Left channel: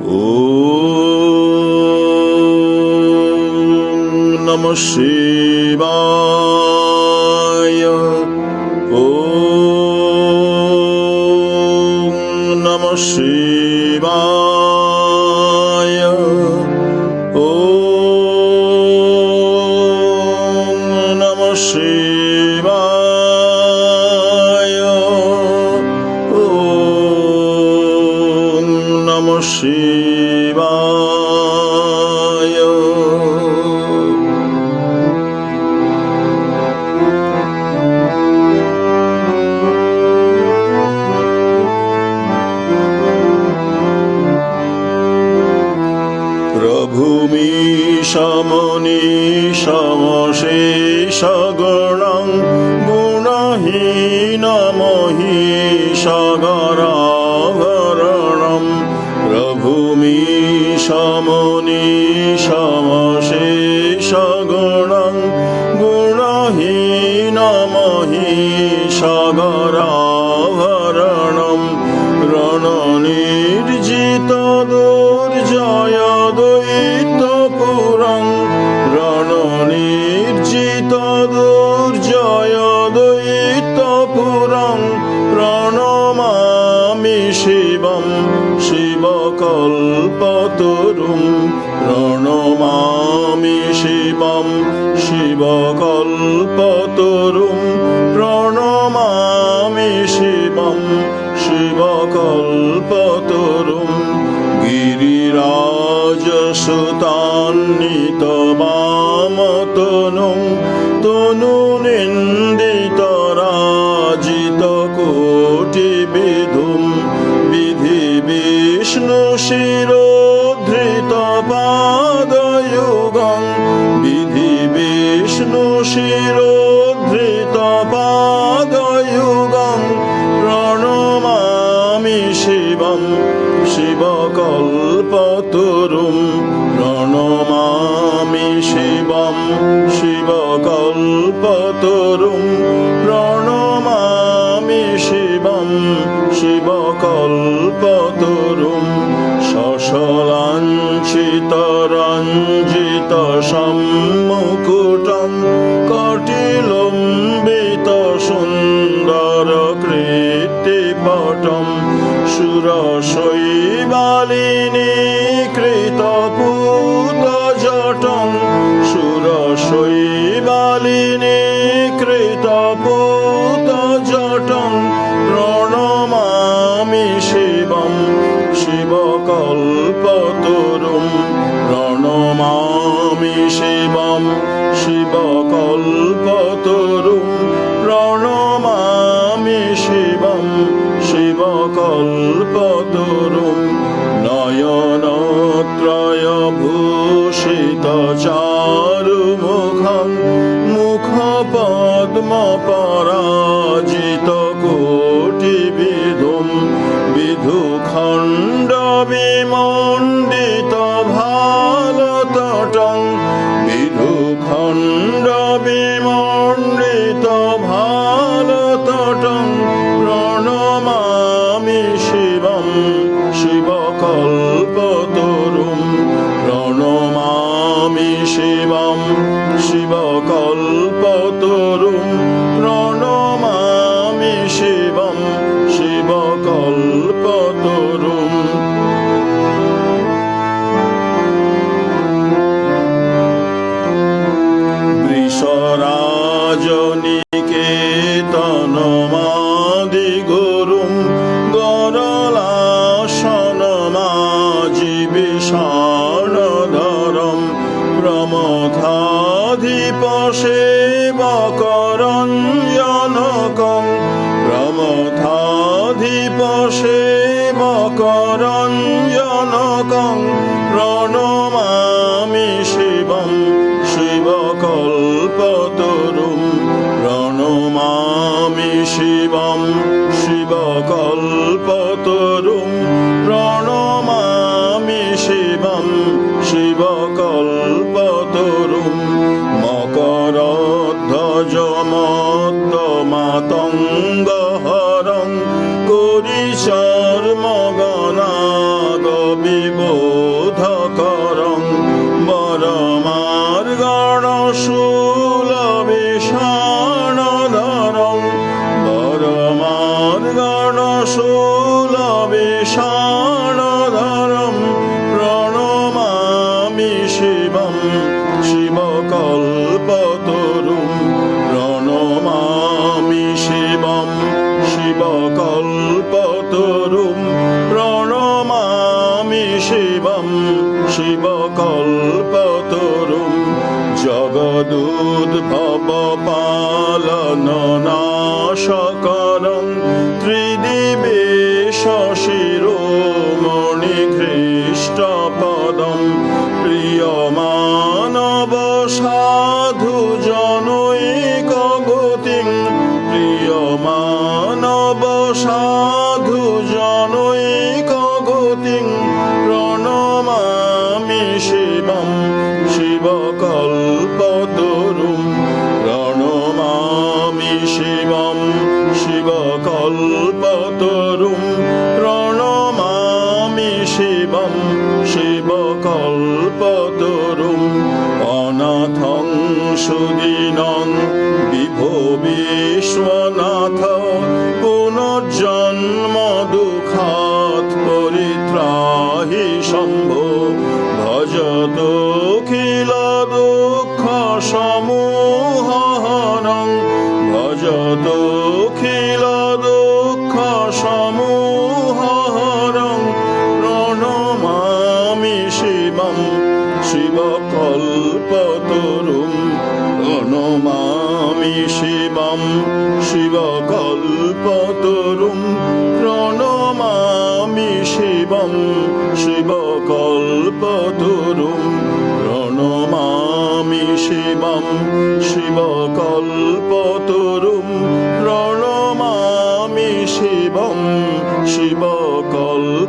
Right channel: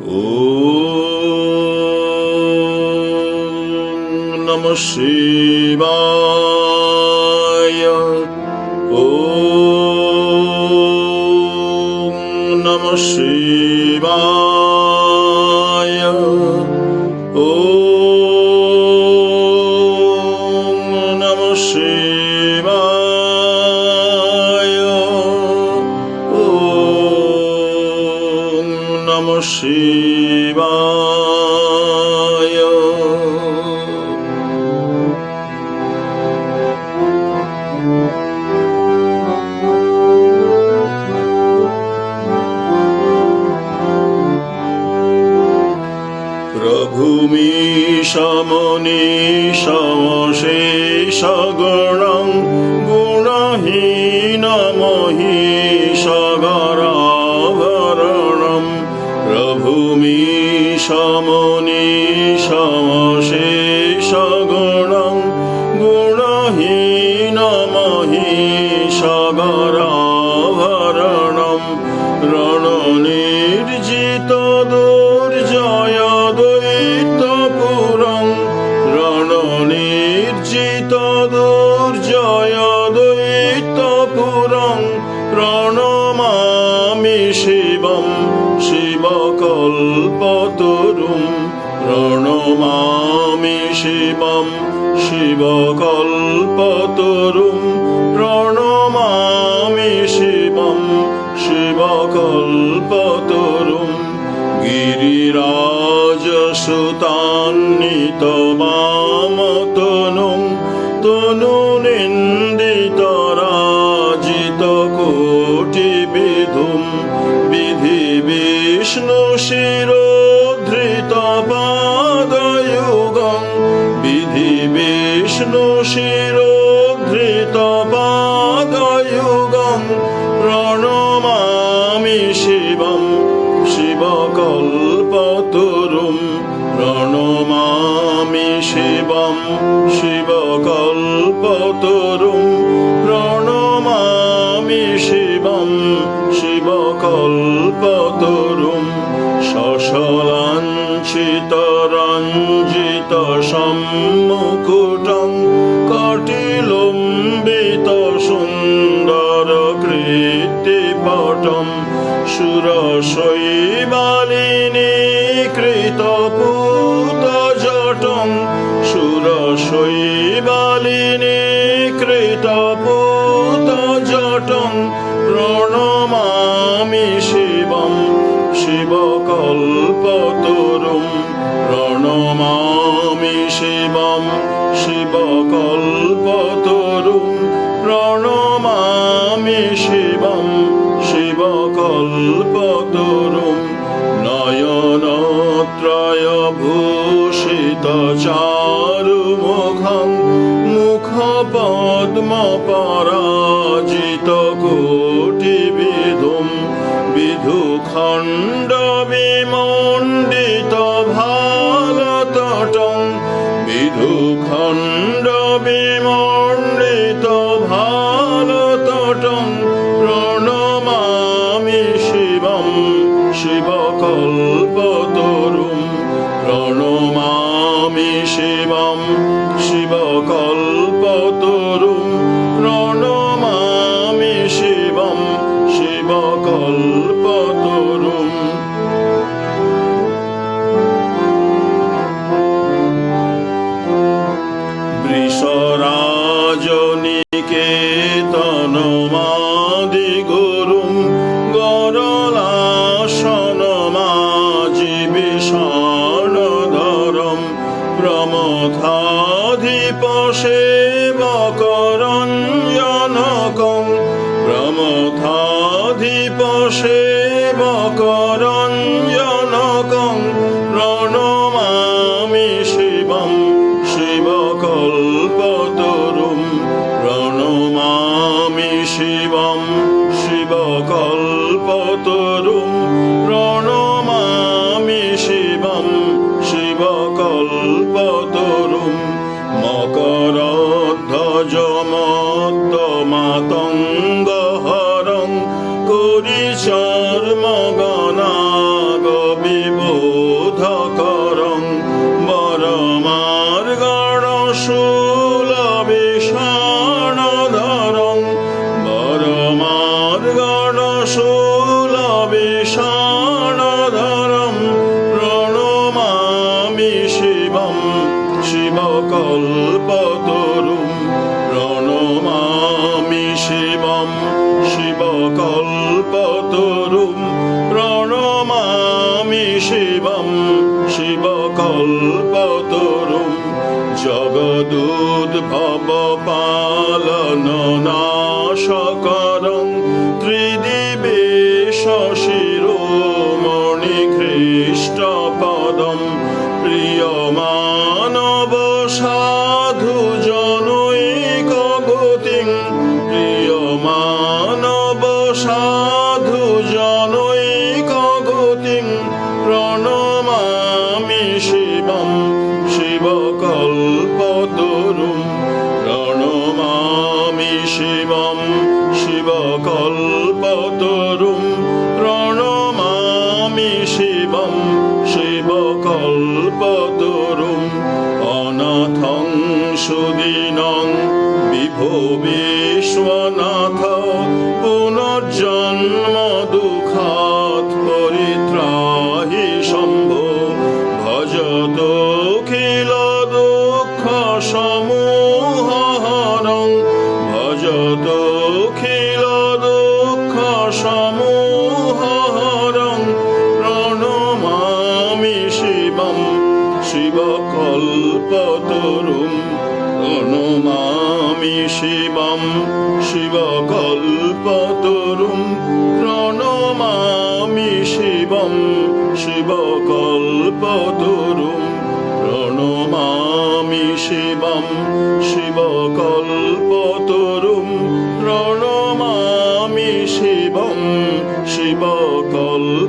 Om Namah Shivaya. Om Namah Shivaya. Om Namah Shivaya. Om Namah Shivaya. প্রভু মীশমনীশ অশেষ গণং গুণহীন মহিষ গরাভরণম। প্রভু মীশমনীশ অশেষ গণং গুণহীন মহিষ গরাভরণম। রণনির্জিত দুর্জয় দৈত্যপুরং। রণনির্জিত দুর্জয় দৈত্যপুরং। প্রণমামি শিবম শিবকল্পতরুম। প্রণমামি শিবম শিবকল্পতরুম। প্রণমামি শিবম শিবকল্পতরুম। গিরিরাজসুতান্বিত বামতনুং। তনুনিন্দিত রাজিত কোটিবিধুম। বিধি বিষ্ণু শিরোদ্ধৃত পাদযুগং। বিধি বিষ্ণু শিরোদ্ধৃত পাদযুগং। প্রণমামি শিবম শিবকল্পতরুম। প্রণমামি শিবম শিবকল্পতরুম। প্রণমামি শিবম শিবকল্পতরুম। শশলাঞ্ছিত রঞ্জিত সম্মুকুটং। কটিলম্বিত সুন্দর কৃত্তিপটম। সুরশৈবালিনী কৃত পূতজটং। সুরশৈবালিনী কৃত পূতজটং। প্রণমামি শিবম শিবকল্পতরুম। প্রণমামি শিবম শিবকল্পতরুম। প্রণমামি শিবম শিবকল্পতরুম। নয়নত্রয় ভূষিত চারুমুখং। মুখপদ্ম পরাজিত কোটিবিধুম। বিধুখণ্ড বিমণ্ডিত ভালতটং। বিধুখণ্ড বিমণ্ডিত ভালতটং। প্রণমামি শিবম শিবকল্পতরুম। প্রণমামি শিবম শিবকল্পতরুম। প্রণমামি শিবম শিবকল্পতরুম। বৃষরাজনিকেতনমাদি গুরুম। গরলাসনমাজিবিষাণধরম। প্রমথাধিপ সেবকরঞ্জনকং। প্রমথাধিপ সেবকরঞ্জনকং। প্রণমামি শিবম শিবকল্পতরুম। প্রণমামি শিবম শিবকল্পতরুম। প্রণমামি শিবম শিবকল্পতরুম। মকরধ্বজ মত্তমাতঙ্গহরং। করিশর্মগণাগত বিবোধকরং বরমার্গণশূলবিষাণধরং বরমার্গণশূলবিষাণধরং প্রণমামি শিবম শিবকল্পতরুম প্রণমামি শিবম শিবকল্পতরুম প্রণমামি শিবম শিবকল্পতরুম জগদুদ্ভব পালননাশকরং ত্রিদিবেশ শিরোমণি ঘৃষ্টপদম প্রিয়মানব সাধু জনৈক গতিং প্রিয়মানব সাধু জনৈক গতিং প্রণমামি শিবম শিবকল্পতরুম প্রণমামি শিবম শিবকল্পতরুম প্রণমামি শিবম শিবকল্পতরুম অনাথং সুদীনং বিভো বিশ্বনাথ পুনর্জন্ম দুঃখাৎ পরিত্রাহি শম্ভো ভজতখিল দুঃখ সমূহহরং ভজতখিল দুঃখ সমূহহরং প্রণমামি শিবম শিবকল্পতরুম প্রণমামি শিবম শিবকল্পতরুম প্রণমামি শিবম শিবকল্পতরুম প্রণমামি শিবম শিবকল্পতরুম প্রণমামি শিবম শিবকল্পতরুম